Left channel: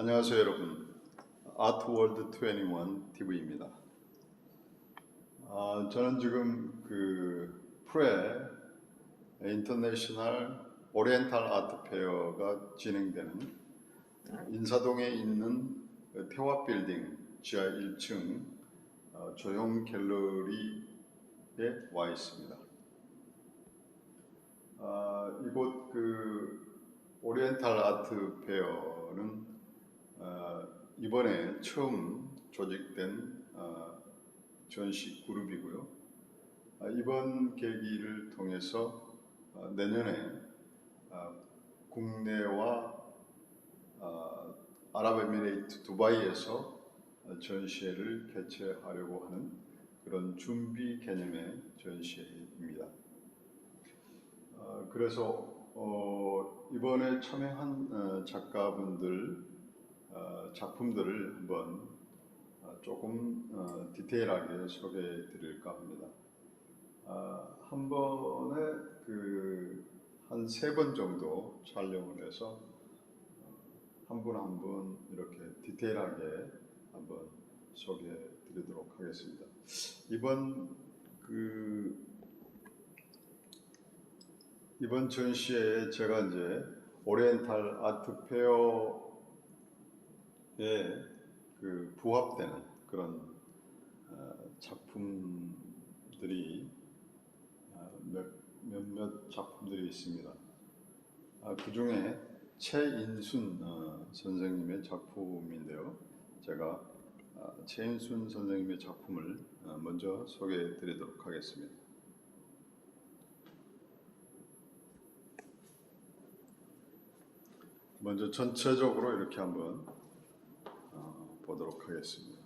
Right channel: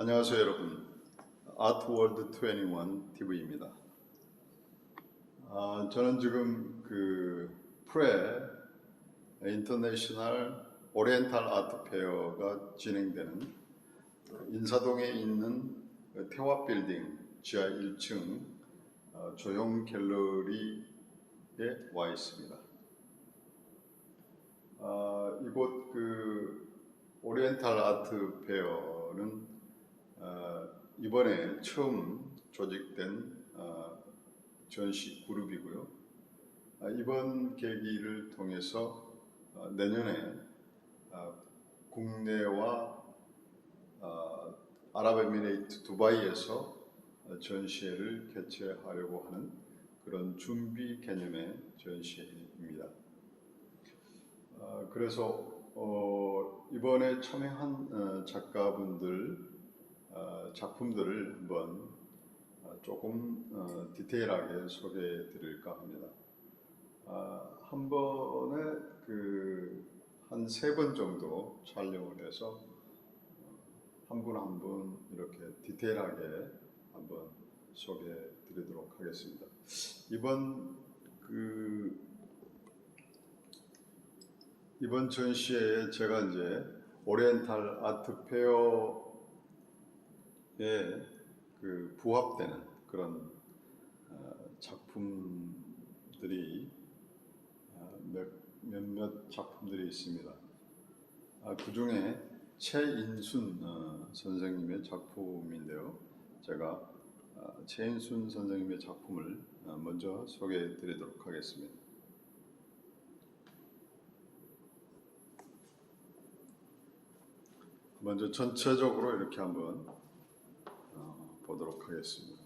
안녕하세요 여러분. 아트월드 21 TV입니다. 저는 지금 프레 인터내셔널 오리엔탈 아트 페어가 진행되는 인사동에 있는 태화 빌딩 지하 1층 조형 갤러리에 와 있습니다. 이곳 오리엔탈 아트 페어는 이번에 처음 조직된 전시 그룹이고요. 이번 계기를 통해서 내년에 국내와 아랍에미레이트 두바이에서 전시회를 개최하려고 하는 그런 준비 개념의 전시회입니다. 그래서 이번에 참여한 작가분들 작품들을 한번 조금 디테일하게 소개해 드릴까 합니다. 한 번에 한 3번 정도 촬영을 해서 한 분 한 분 이렇게 디테일하게 한번 소개해 드리도록 하겠습니다. 이번 전시회에 제가 이제 오리엔탈 아트 페어에 부합되는 그런 작품들이 몇몇 작품들이 있습니다. 그 중에 최인순 선생님의 작품인데요. 제가 최인순 선생님의 작품을 먼저 소개해 드리도록 하겠습니다. 먼저 전체적으로 이렇게 한번 보도록 하겠습니다.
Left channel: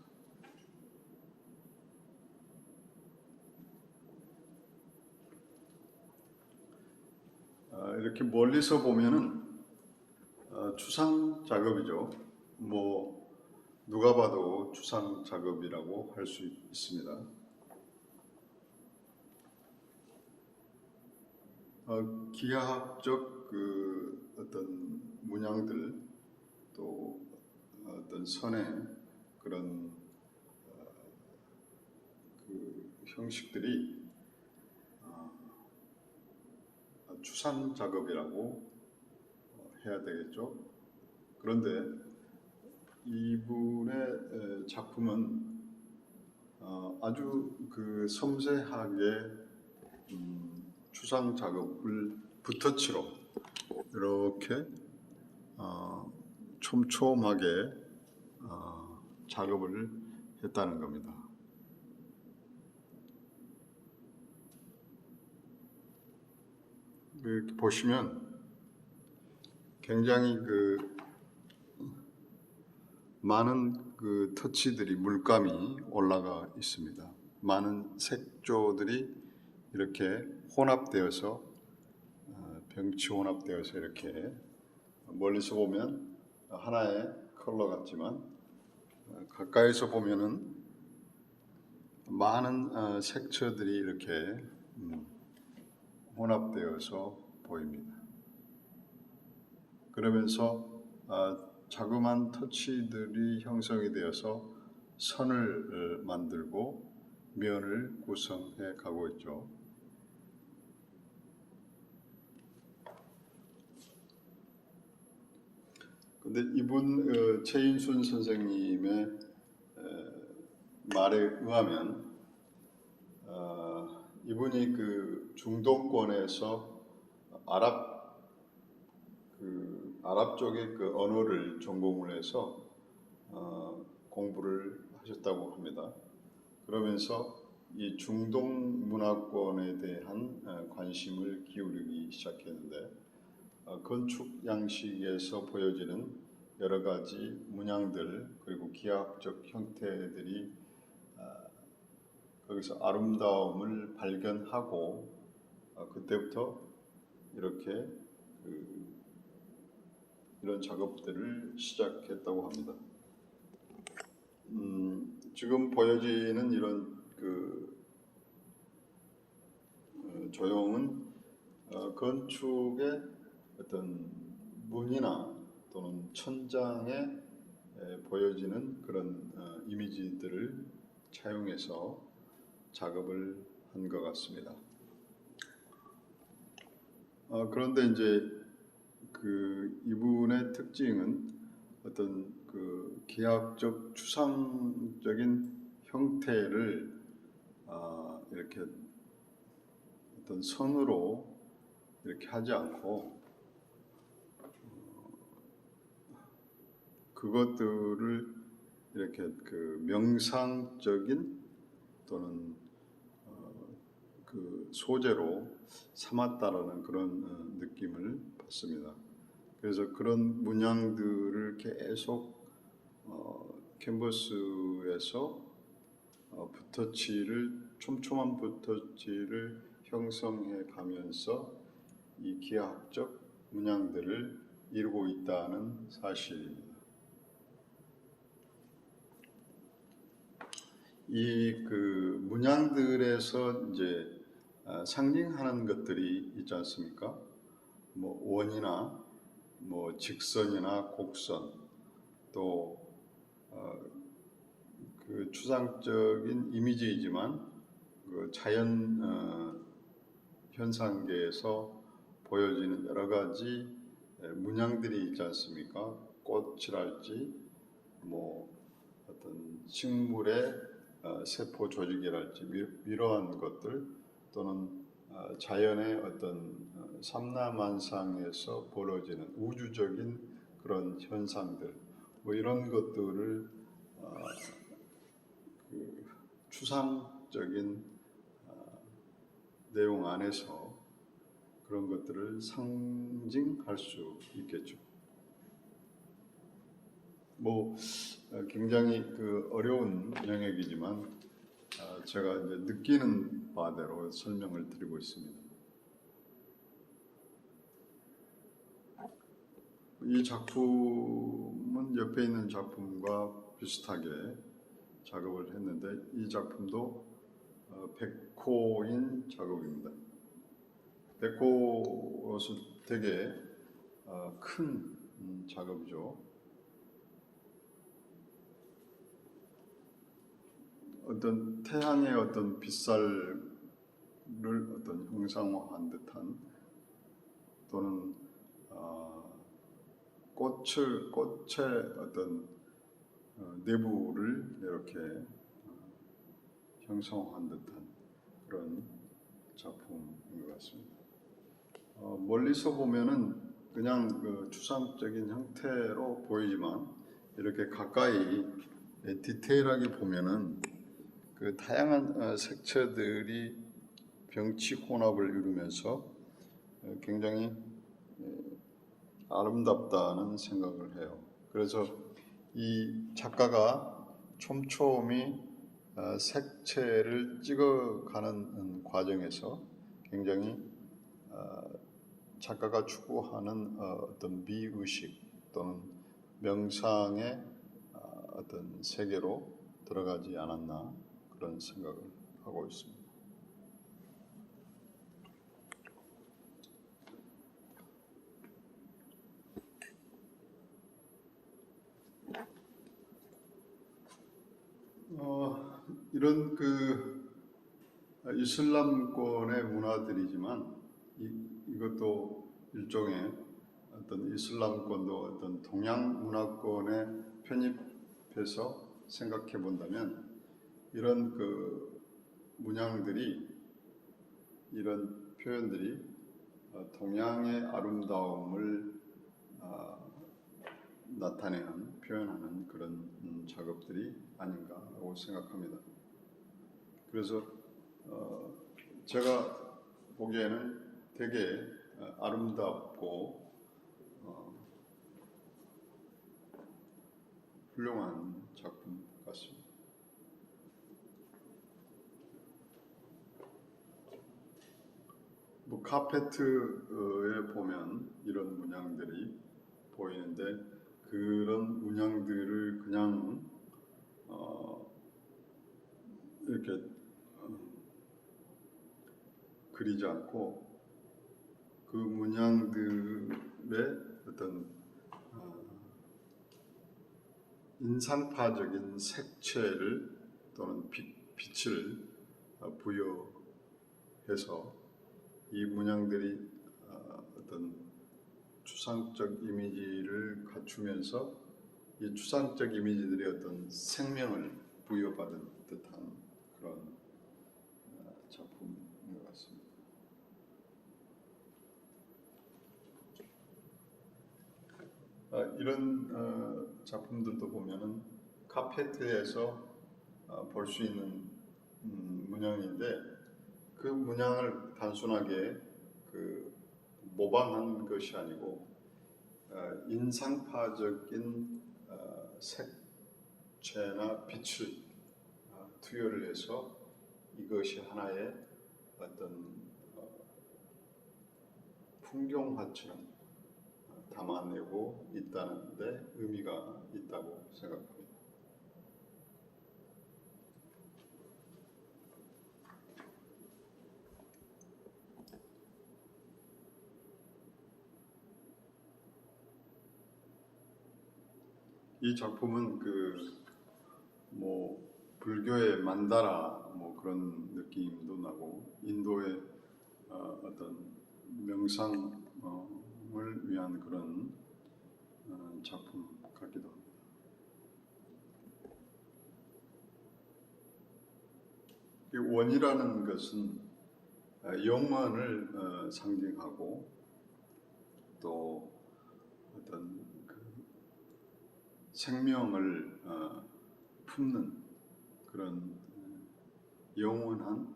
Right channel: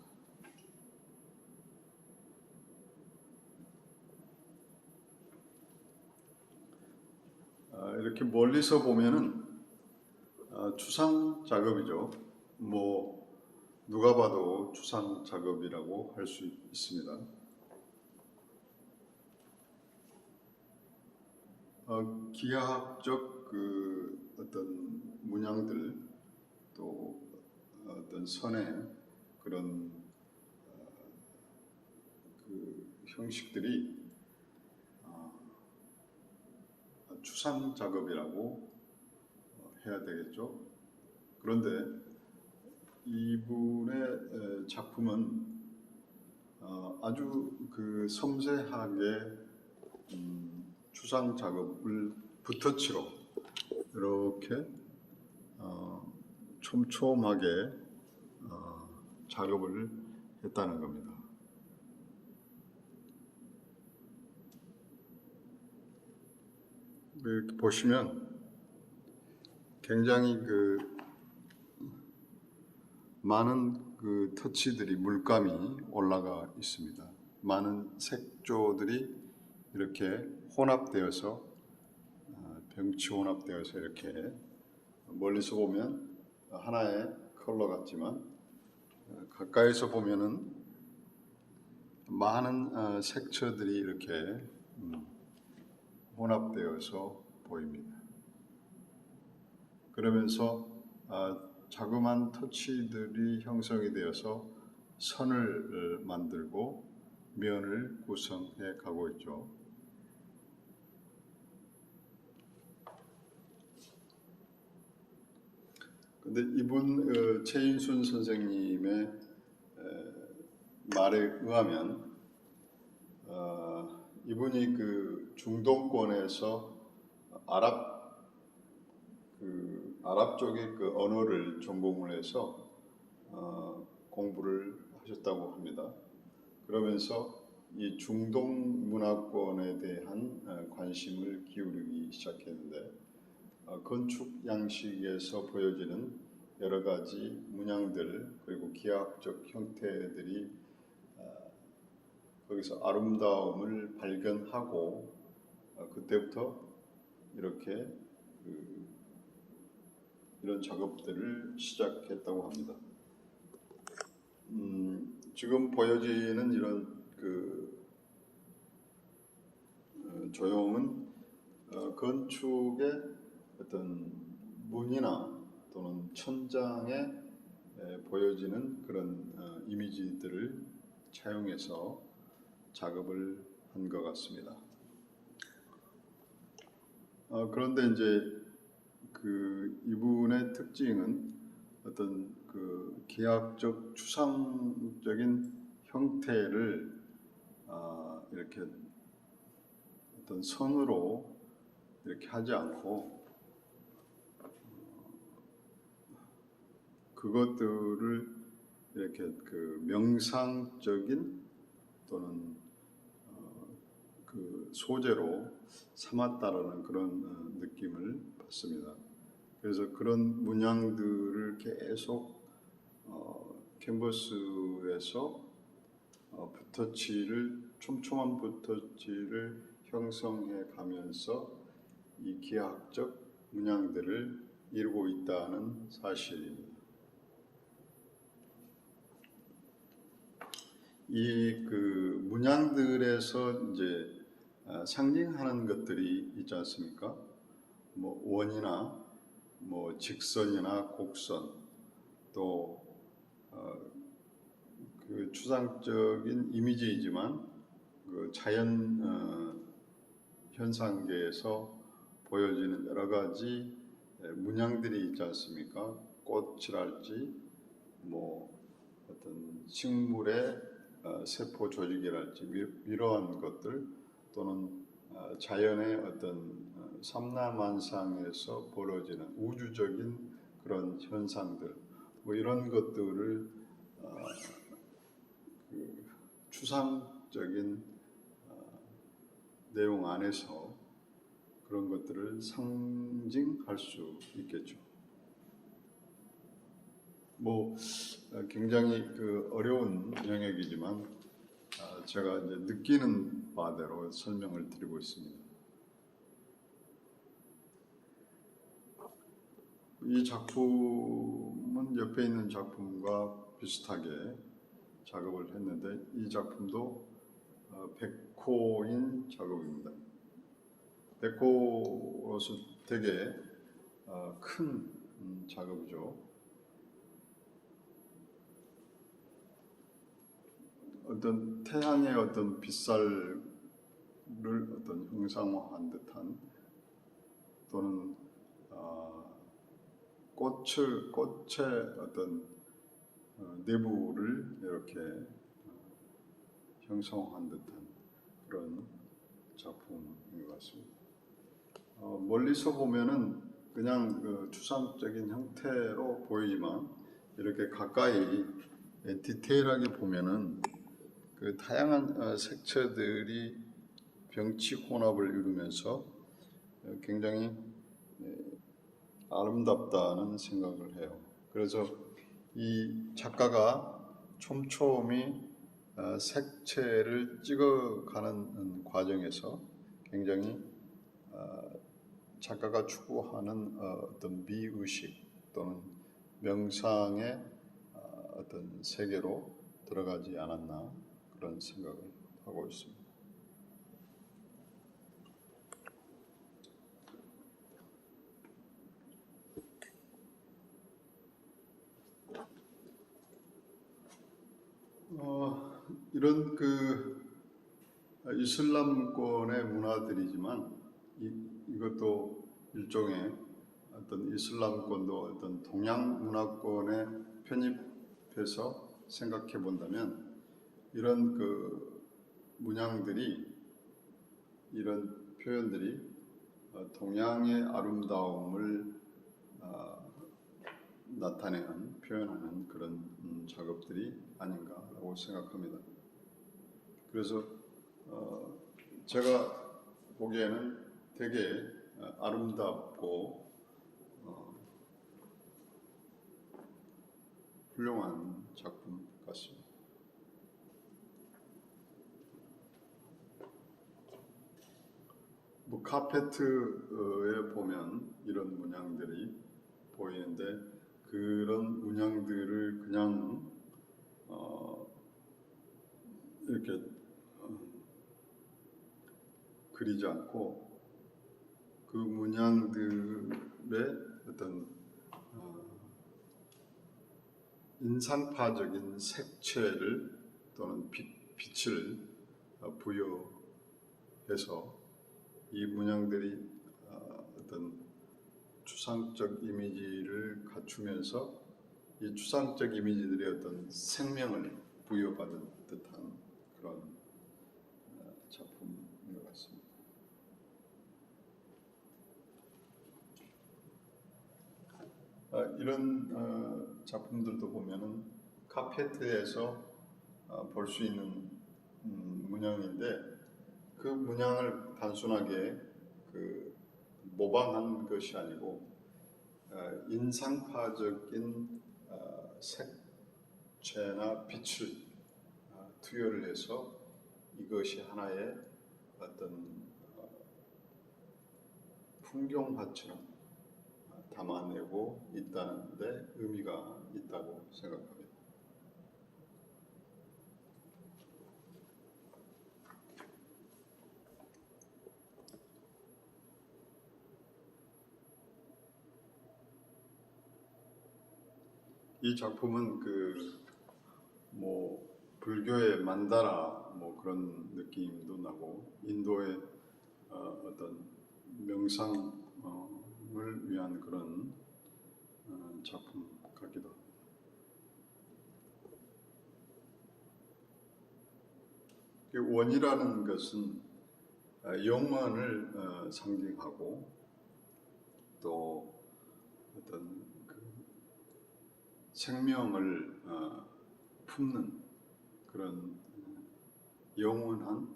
이렇게 멀리서 보면은 추상 작업이죠. 누가 봐도 추상 작업이라고 할 수 있습니다. 기하학적 어떤 문양들 또 어떤 선의 그런 형식들이 추상 작업이라고 해야 되겠죠. 그런데 이분의 작품은 아주 섬세하게 추상 작업을 붓터치로 이렇게 촘촘하게 작업을 했다는 겁니다. 이렇게 보시면 굉장히 많은 터치들이 물감이 올라가 있습니다. 많은 색조들이 이렇게 혼합되어서 병치 혼합되어서 이렇게 멀리서 보면 하나의 컬러 같지만 가까이서 보면은 많은 색채들이 이렇게 혼합되어서 보입니다. 그러면서 자그마한 터치들이 형성이 되어서 선을 만들고 면을 구성해 가고 있죠. 근데 이분 최인순 선생님의 말에 의하면 이분이 중동권에서 아랍 쪽의 언어를 전공을 해서 공부를 하셨다고 합니다. 그러면서 이 중동 문화권에 대한 관심을 기울이기 시작했는데 건축 양식에서 보여지는 여러 가지 문양들 그리고 기하학적 형태들이 거기서 아름다움을 발견하고 그때부터 이렇게 이런 작업들을 시작했다고 합니다. 지금 보여지는 이런 조형은 건축의 어떤 문이나 또는 천장의 보여지는 그런 이미지들을 차용해서 작업을 한 것 같습니다. 그런데 이제 이분의 특징은 어떤 기하학적 추상적인 형태를 이렇게 어떤 선으로 이렇게 하지 않고 그것들을 이렇게 명상적인 또는 소재로 삼았다라는 그런 느낌을 받습니다. 그래서 그런 문양들을 계속 캔버스에서 촘촘한 붓터치를 형성해 가면서 이 기하학적 문양들을 이루고 있다는 사실입니다. 이 문양들에서 이제 상징하는 것들이 있지 않습니까? 뭐 원이나 뭐 직선이나 곡선, 또 추상적인 이미지이지만 자연 현상계에서 보여지는 여러 가지 문양들이 있지 않습니까? 꽃이랄지, 뭐 어떤 식물의 세포 조직이랄지 이러한 것들, 또는 자연의 어떤 삼라만상에서 벌어지는 우주적인 그런 현상들, 뭐 이런 것들을 추상적인 내용 안에서 그런 것들을 상징할 수 있겠죠. 뭐 굉장히 어려운 영역이지만 제가 이제 느끼는 바대로 설명을 드리고 있습니다. 이 작품은 옆에 있는 작품과 비슷하게 작업을 했는데, 이 작품도 백호인 작업입니다. 백호로서 되게 큰 작업이죠. 어떤 태양의 어떤 빛살을 어떤 형상화한 듯한, 또는 꽃의 어떤 내부를 이렇게 형성한 듯한 그런 작품인 것 같습니다. 멀리서 보면은 그냥 추상적인 형태로 보이지만, 이렇게 가까이 디테일하게 보면은 다양한 색채들이 병치 혼합을 이루면서 굉장히 아름답다는 생각을 해요. 그래서 이 작가가 촘촘히 색채를 찍어가는 과정에서 굉장히 작가가 추구하는 어떤 미의식 또는 명상의 어떤 세계로 들어가지 않았나, 그런 생각을 하고 있습니다. 이런 이슬람권의 문화들이지만, 이것도 일종의 어떤 이슬람권도 어떤 동양 문화권에 편입해서 생각해 본다면, 이런 문양들이, 이런 표현들이 동양의 아름다움을 나타내는, 표현하는 그런 작업들이 아닌가라고 생각합니다. 그래서 제가 보기에는 되게 아름답고 훌륭한 작품 같습니다. 뭐 카페트에 보면 이런 문양들이 보이는데, 그런 문양들을 그냥 이렇게 그리지 않고, 그 문양들의 어떤 인상파적인 색채를 또는 빛을 부여해서 이 문양들이 어떤 추상적 이미지를 갖추면서 이 추상적 이미지들이 어떤 생명을 부여받은 듯한 그런 작품인 것 같습니다. 이런 작품들도 보면은 카페트에서 볼 수 있는 문양인데 그 문양을 단순하게 모방한 것이 아니고 인상파적인 색채나 빛을 투여를 해서 이것이 하나의 어떤 풍경화처럼 담아내고 있다는 데 의미가 있다고 생각합니다. 이 작품은 불교의 만다라 그런 느낌도 나고 인도의 어떤 명상을 위한 그런 작품 같기도 합니다. 원이라는 것은 영원을 상징하고 또 어떤 생명을 품는 그런 영원한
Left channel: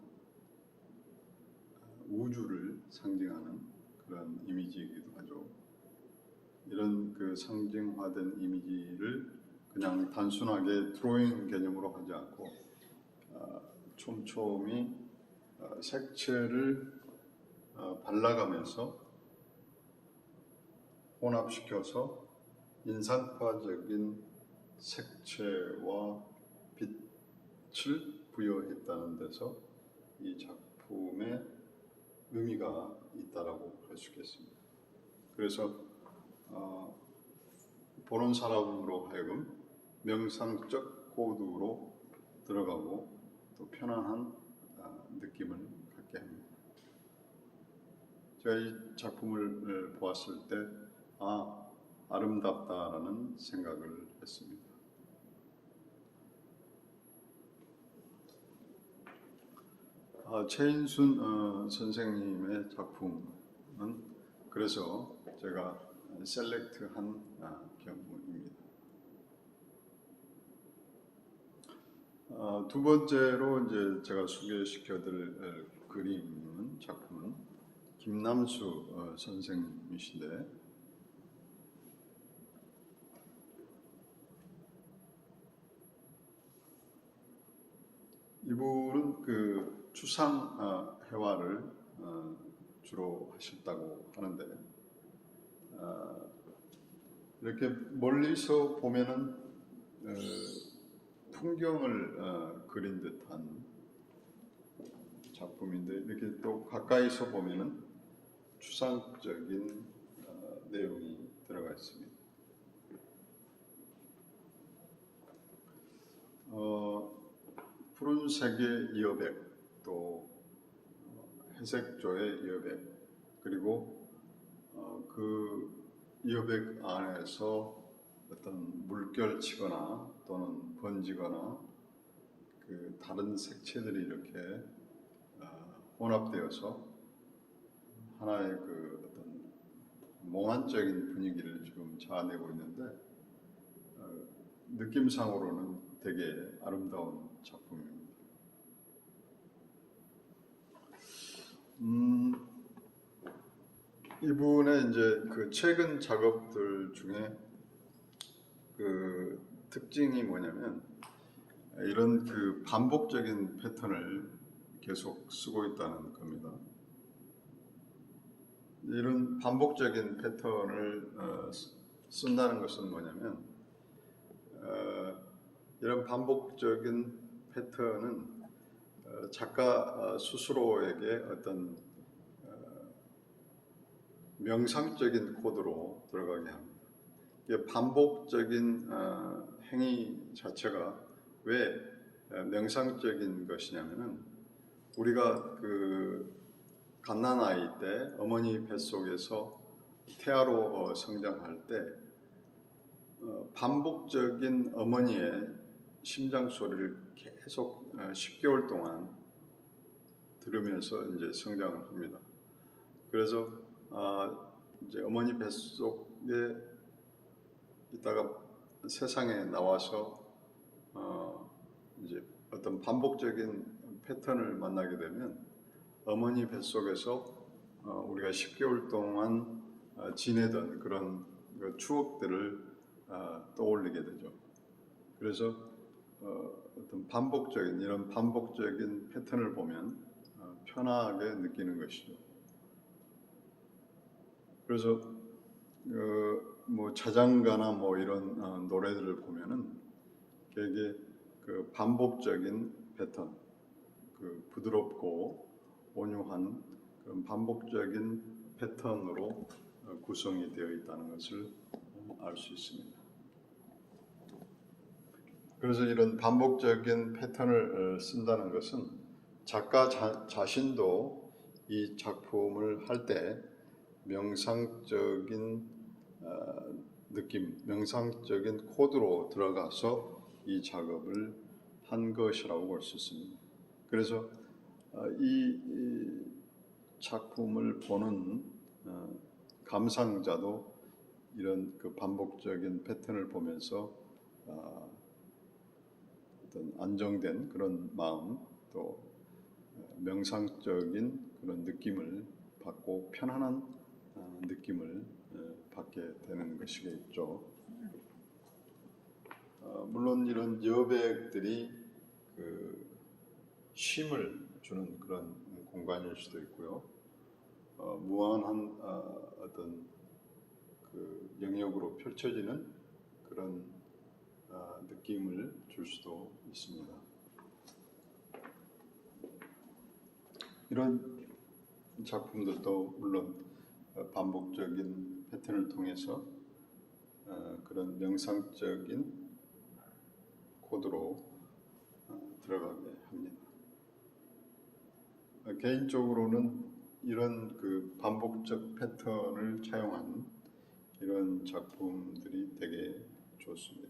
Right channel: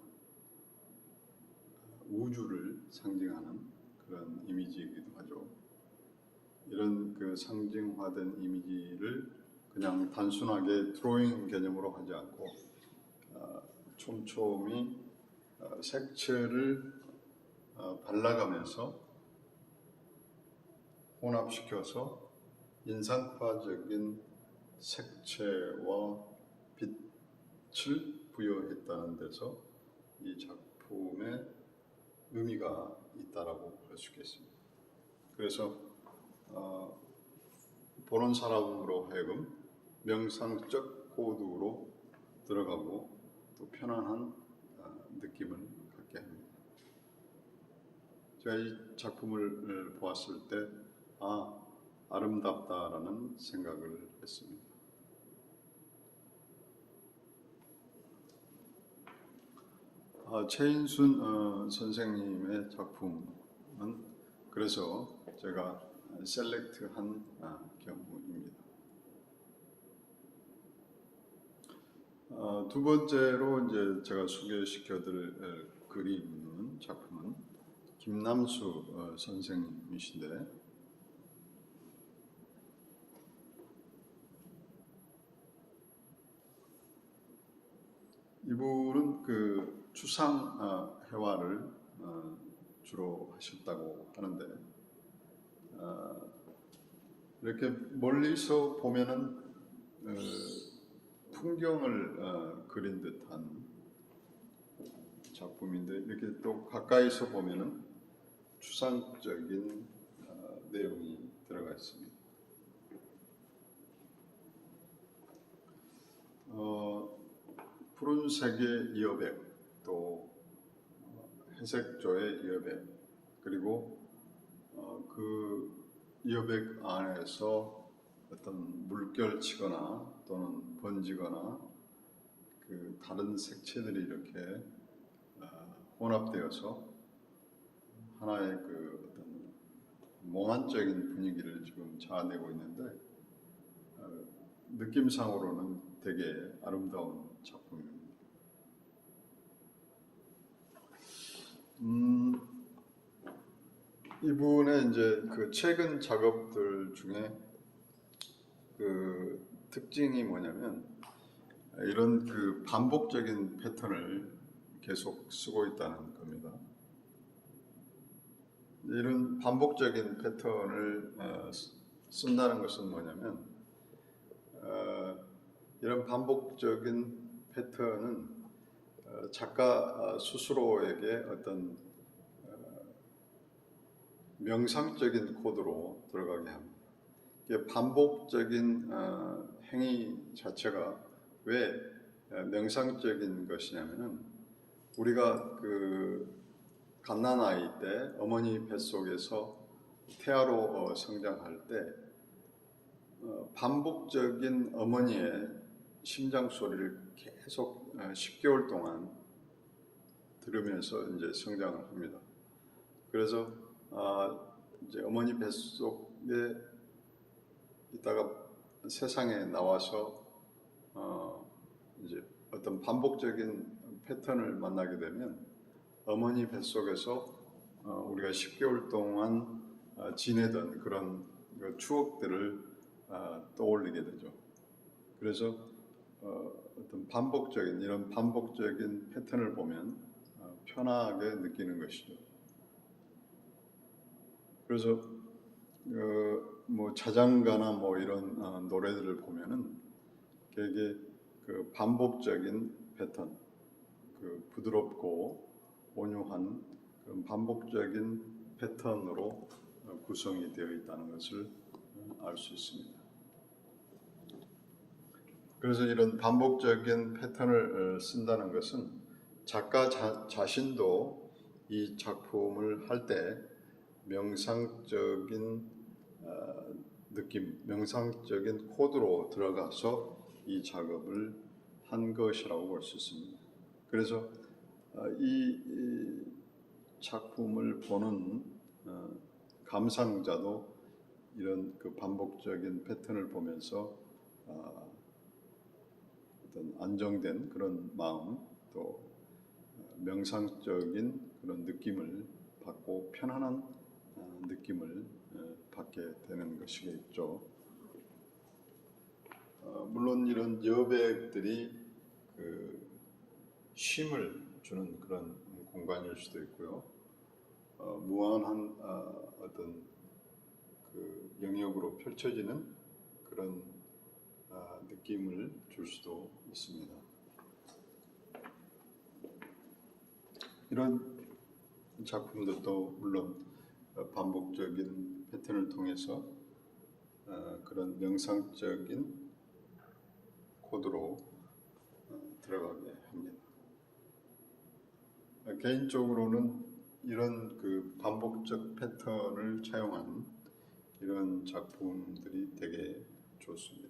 우주를 상징하는 그런 이미지이기도 하죠. 이런 상징화된 이미지를 그냥 단순하게 드로잉 개념으로 하지 않고 촘촘히 색채를 발라가면서 혼합시켜서 인상파적인 색채와 빛을 부여했다는 데서 이 작품의 의미가 있다라고 할 수 있겠습니다. 그래서 보는 사람으로 하여금 명상적 호흡으로 들어가고 또 편안한 느낌을 갖게 합니다. 제가 이 작품을 보았을 때 아름답다라는 생각을 했습니다. 최인순 선생님의 작품은 그래서 제가 셀렉트한 경우입니다. 두 번째로 이제 제가 소개시켜드릴 그림은 작품은 김남수 선생님이신데 이분은 추상 회화를 주로 하셨다고 하는데 이렇게 멀리서 보면은 풍경을 그린 듯한 작품인데 이렇게 또 가까이서 보면은 추상적인 내용이 들어가 있습니다. 푸른색의 여백, 또 회색조의 여백, 그리고 그 여백 안에서 어떤 물결치거나 또는 번지거나 다른 색채들이 이렇게 혼합되어서 하나의 어떤 몽환적인 분위기를 지금 자아내고 있는데 느낌상으로는 되게 아름다운 작품입니다. 이분의 이제 최근 작업들 중에 특징이 뭐냐면 이런 반복적인 패턴을 계속 쓰고 있다는 겁니다. 이런 반복적인 패턴을 쓴다는 것은 뭐냐면 이런 반복적인 패턴은 작가 스스로에게 어떤 명상적인 코드로 들어가게 합니다. 이게 반복적인 행위 자체가 왜 명상적인 것이냐면은 우리가 그 갓난아이 때 어머니 뱃속에서 태아로 성장할 때 반복적인 어머니의 심장 소리를 계속 10개월 동안 들으면서 이제 성장을 합니다. 그래서 이제 어머니 뱃속에 있다가 세상에 나와서 이제 어떤 반복적인 패턴을 만나게 되면 어머니 뱃속에서 우리가 10개월 동안 지내던 그런 추억들을 떠올리게 되죠. 그래서 어떤 반복적인 이런 반복적인 패턴을 보면 편하게 느끼는 것이죠. 그래서 뭐 자장가나 뭐 이런 노래들을 보면은 되게 그 반복적인 패턴, 그 부드럽고 온유한 그런 반복적인 패턴으로 구성이 되어 있다는 것을 알 수 있습니다. 그래서 이런 반복적인 패턴을 쓴다는 것은 작가 자신도 이 작품을 할 때 명상적인 느낌, 명상적인 코드로 들어가서 이 작업을 한 것이라고 볼 수 있습니다. 그래서 이 작품을 보는 감상자도 이런 그 반복적인 패턴을 보면서 어떤 안정된 그런 마음, 또 명상적인 그런 느낌을 받고 편안한 느낌을 받게 되는 것이겠죠. 물론 이런 여백들이 그 쉼을 주는 그런 공간일 수도 있고요. 무한한 어떤 그 영역으로 펼쳐지는 그런 느낌을 줄 수도 있습니다. 이런 작품들도 물론 반복적인 패턴을 통해서 그런 명상적인 코드로 들어가게 합니다. 개인적으로는 이런 그 반복적 패턴을 차용한 이런 작품들이 되게 좋습니다.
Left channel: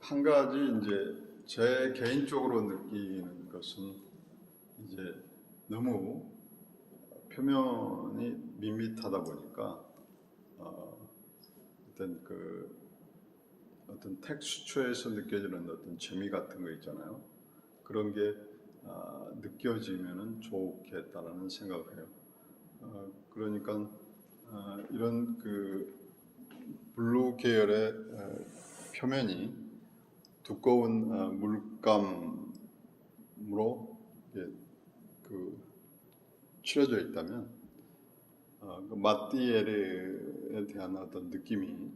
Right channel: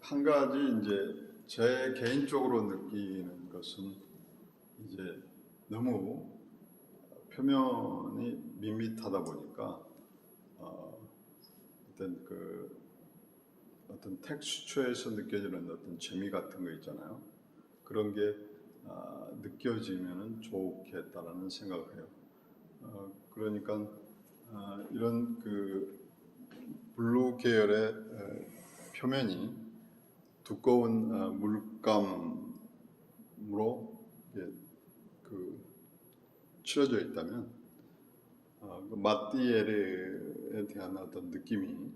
한 가지 이제 제 개인적으로 느끼는 것은 이제 너무 표면이 밋밋하다 보니까 어떤 텍스처에서 느껴지는 어떤 재미 같은 거 있잖아요. 그런 게 느껴지면은 좋겠다라는 생각을 해요. 그러니까 이런 그 블루 계열의 표면이 두꺼운 물감으로 그 칠해져 있다면 그 마띠에르에 대한 어떤 느낌이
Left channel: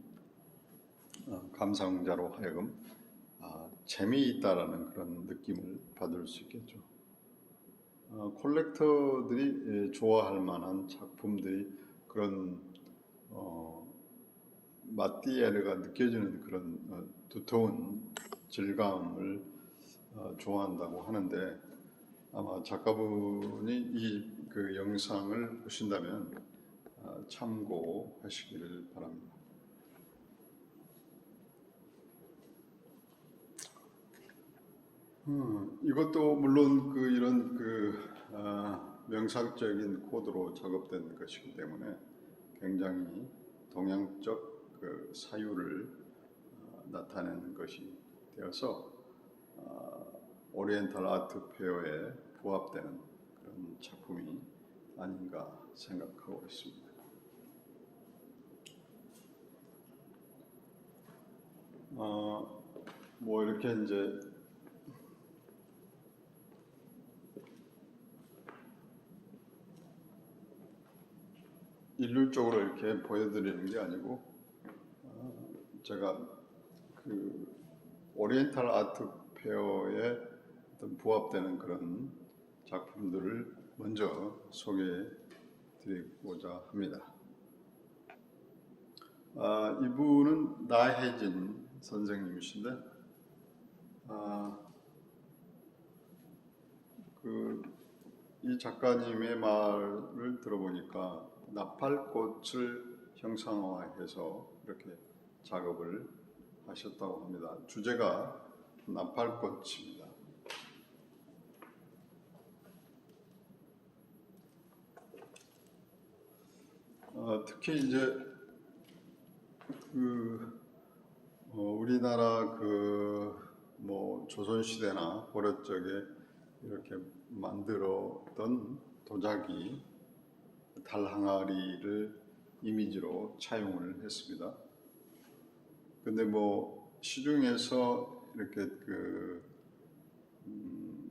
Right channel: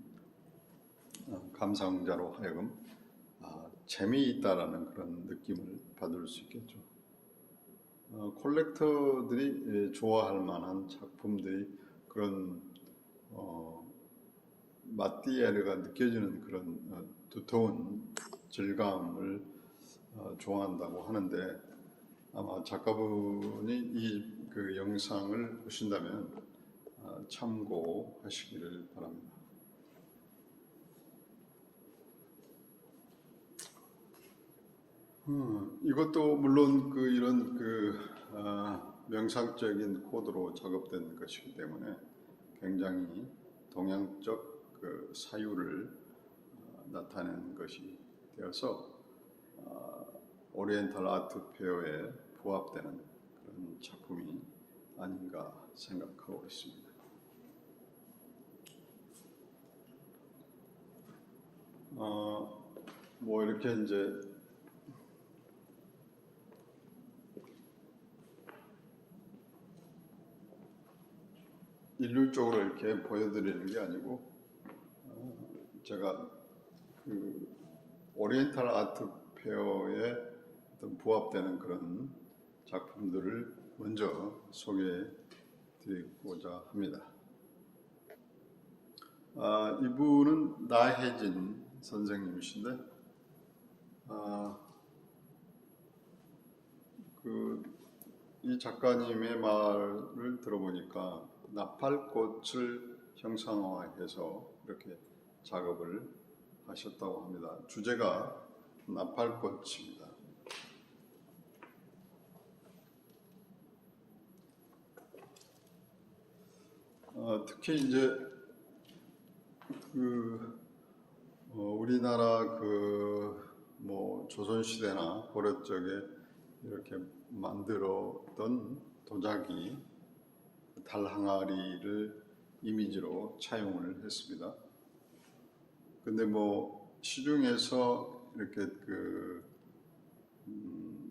감상자로 하여금 재미있다라는 그런 느낌을 받을 수 있겠죠. 콜렉터들이 좋아할 만한 작품들이 그런 마띠에르가 느껴지는 그런 두터운 질감을 좋아한다고 하는데 아마 작가분이 이 그 영상을 보신다면 참고하시기를 바랍니다. 이것도 물론 그 이런 그 명상적인 코드로 작업된 것이기 때문에 굉장히 동양적 그 사유를 나타내는 것이 되어서 오리엔탈 아트 페어에 부합되는 그런 작품이 아닌가 생각하고 있습니다. 뭐 이렇게 이제 일률적으로 이렇게 보여드리는 게 아니고 제가 그 오리엔탈 아트 페어에 어떤 부합되는 그런 작품들을 먼저 소개해 드리고자 합니다. 이분은 나혜진 선생님이신데, 이 작가님의 말을 들어보니까 나팔꽃을 형상화해서 이렇게 작업을 하셨다고 합니다. 주제가 나팔꽃입니다. 특히 이제 우리나라 조선시대나 고려 적에 이렇게 만들었던 도자기 달 항아리를 이미지로 차용을 했습니다. 근데 시중에서 이렇게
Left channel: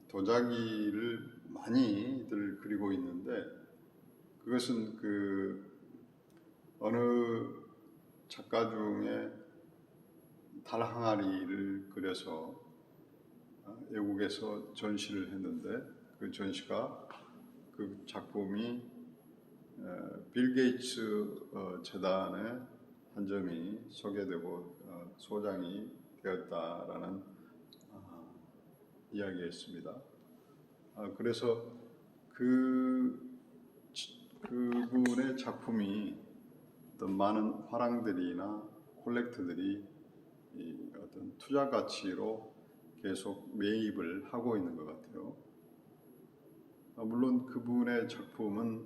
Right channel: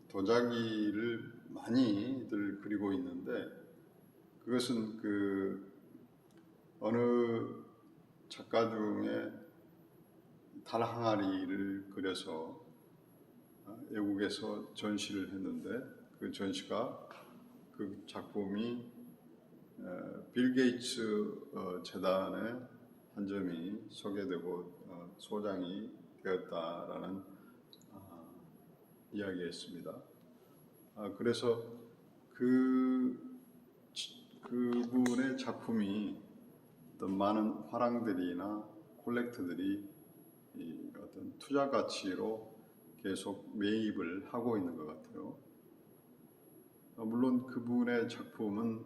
도자기를 많이들 그리고 있는데, 그것은 어느 작가 중에 달 항아리를 그려서 외국에서 전시를 했는데, 그 전시가 그 작품이 빌 게이츠 재단의 한 점이 소개되고 소장이 되었다라는 이야기였습니다. 그래서 그분의 작품이 어떤 많은 화랑들이나 콜렉트들이 어떤 투자 가치로 계속 매입을 하고 있는 것 같아요. 물론 그분의 작품은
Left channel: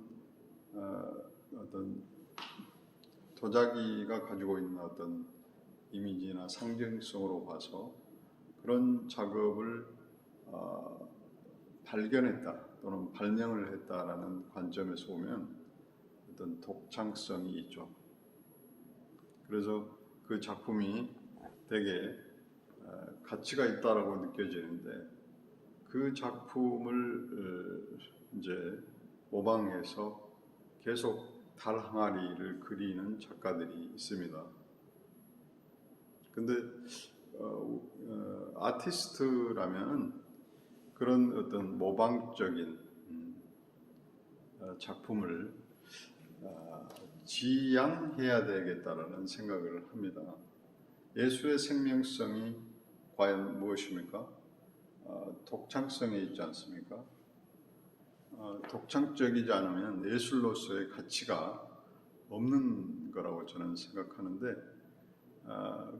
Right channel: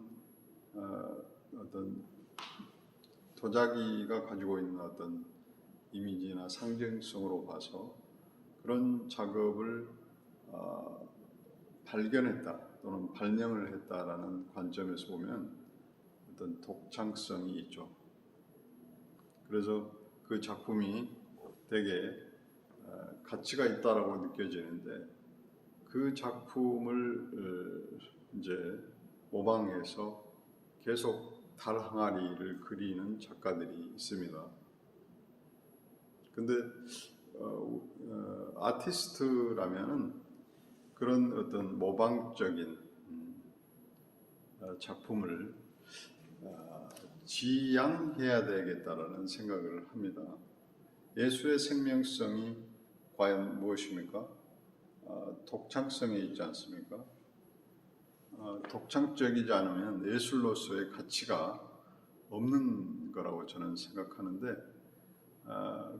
어떤 도자기가 가지고 있는 어떤 이미지나 상징성으로 봐서 그런 작업을 발견했다 또는 발명을 했다라는 관점에서 보면 어떤 독창성이 있죠. 그래서 그 작품이 되게 가치가 있다라고 느껴지는데, 그 작품을 이제 모방해서 계속 달 항아리를 그리는 작가들이 있습니다. 근데 아티스트라면은 그런 어떤 모방적인 작품을 지향해야 되겠다라는 생각을 합니다. 예술의 생명성이 과연 무엇입니까? 독창성에 있지 않습니까? 독창적이지 않으면 예술로서의 가치가 없는 거라고 저는 생각하는데,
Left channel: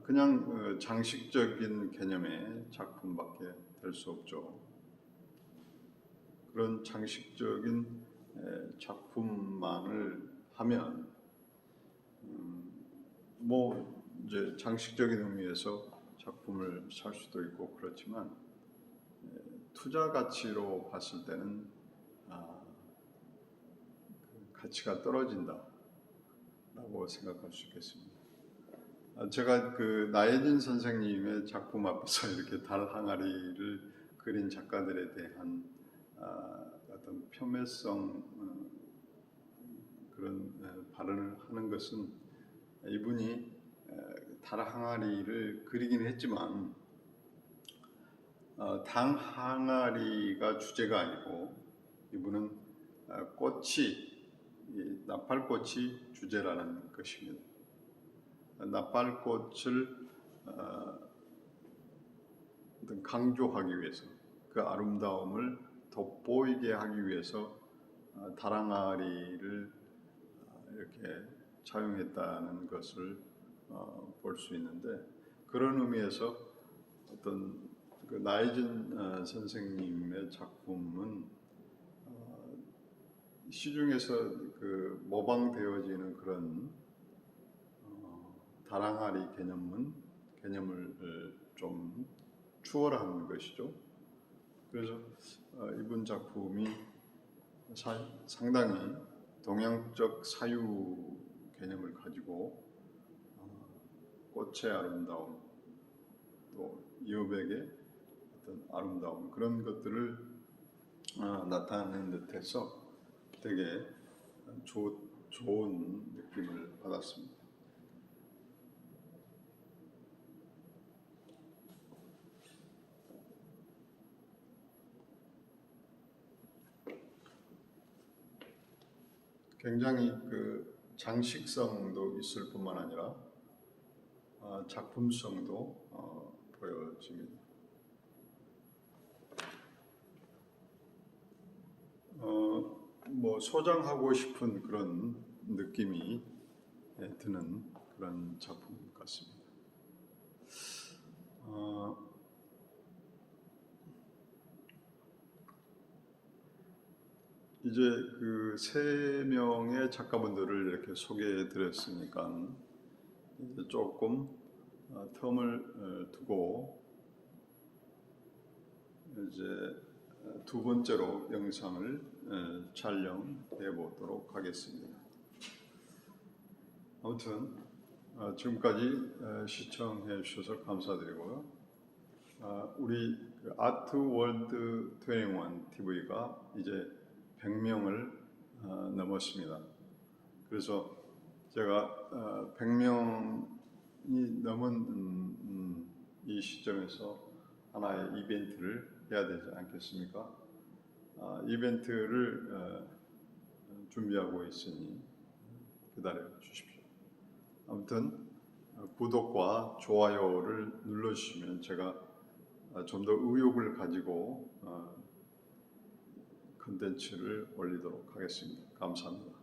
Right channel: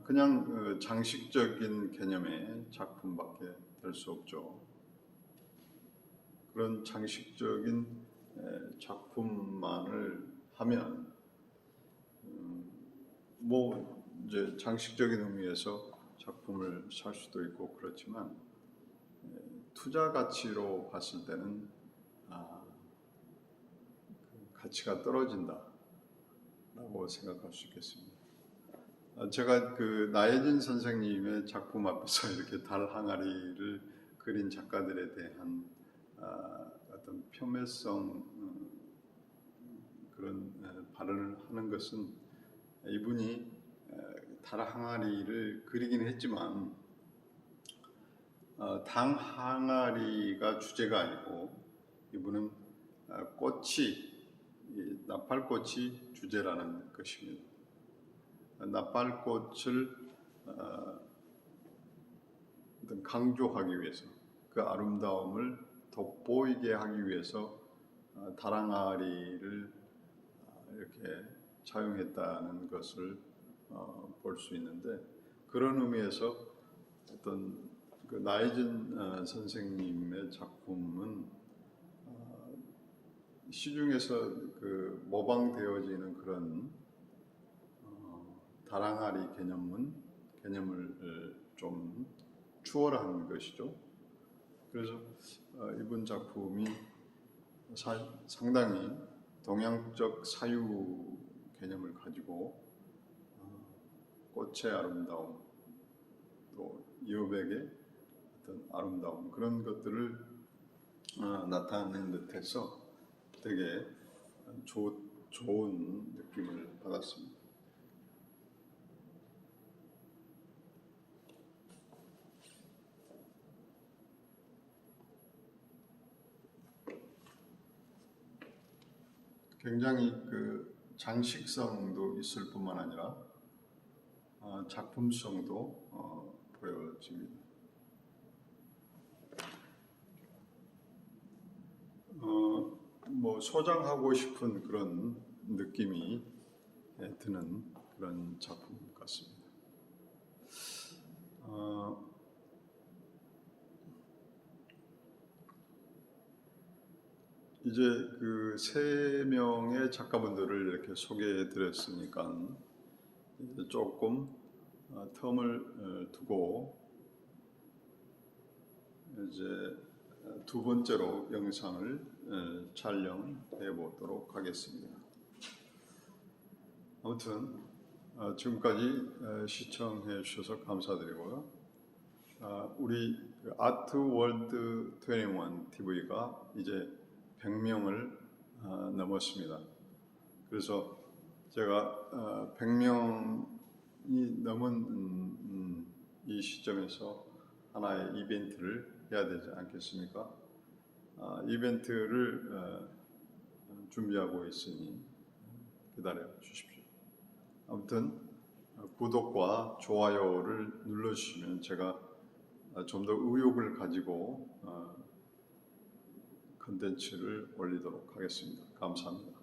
그냥 장식적인 개념의 작품밖에 될 수 없죠. 그런 장식적인 작품만을 하면 이제 장식적인 의미에서 작품을 살 수도 있고 그렇지만, 투자 가치로 봤을 때는 가치가 떨어진다라고 생각할 수 있겠습니다. 제가 나혜진 선생님의 작품 앞에서 이렇게 달 항아리를 그린 작가들에 대한 어떤 폄훼성 그런 발언을 하는 것은, 이분이 달 항아리를 그리긴 했지만 달 항아리가 주제가 아니고 이분은 나팔꽃이 주제라는 것입니다. 나팔꽃을 강조하기 위해서, 그 아름다움을 돋보이게 하기 위해서 달 항아리를 이렇게 차용했다는 것을 볼 수 있는데, 그런 의미에서 어떤 나혜진 선생님의 작품은 시중에서 모방되어지는 그런 달 항아리 개념을 좀 추월한 것이죠. 그래서 이분 작품이 상당히 동양적 사유 개념을 가지고 꽃의 아름다움, 또 여백의 어떤 아름다움, 그런 것들을 나타내는 듯해서 되게 좋은 느낌을 받았습니다. 굉장히 그 장식성도 있을 뿐만 아니라 작품성도 보여집니다. 뭐 소장하고 싶은 그런 느낌이 드는 그런 작품 같습니다. 이제 그 세 명의 작가분들을 이렇게 소개해 드렸으니까 이제 조금 텀을 두고 이제 두 번째로 영상을 촬영해 보도록 하겠습니다. 아무튼 지금까지 시청해 주셔서 감사드리고요. 우리 아트월드 21 TV가 이제 100명을 넘었습니다. 그래서 제가 100명이 넘은 이 시점에서 하나의 이벤트를 해야 되지 않겠습니까? 이벤트를 준비하고 있으니 기다려 주십시오. 아무튼 구독과 좋아요를 눌러주시면 제가 좀 더 의욕을 가지고 컨텐츠를 올리도록 하겠습니다. 감사합니다.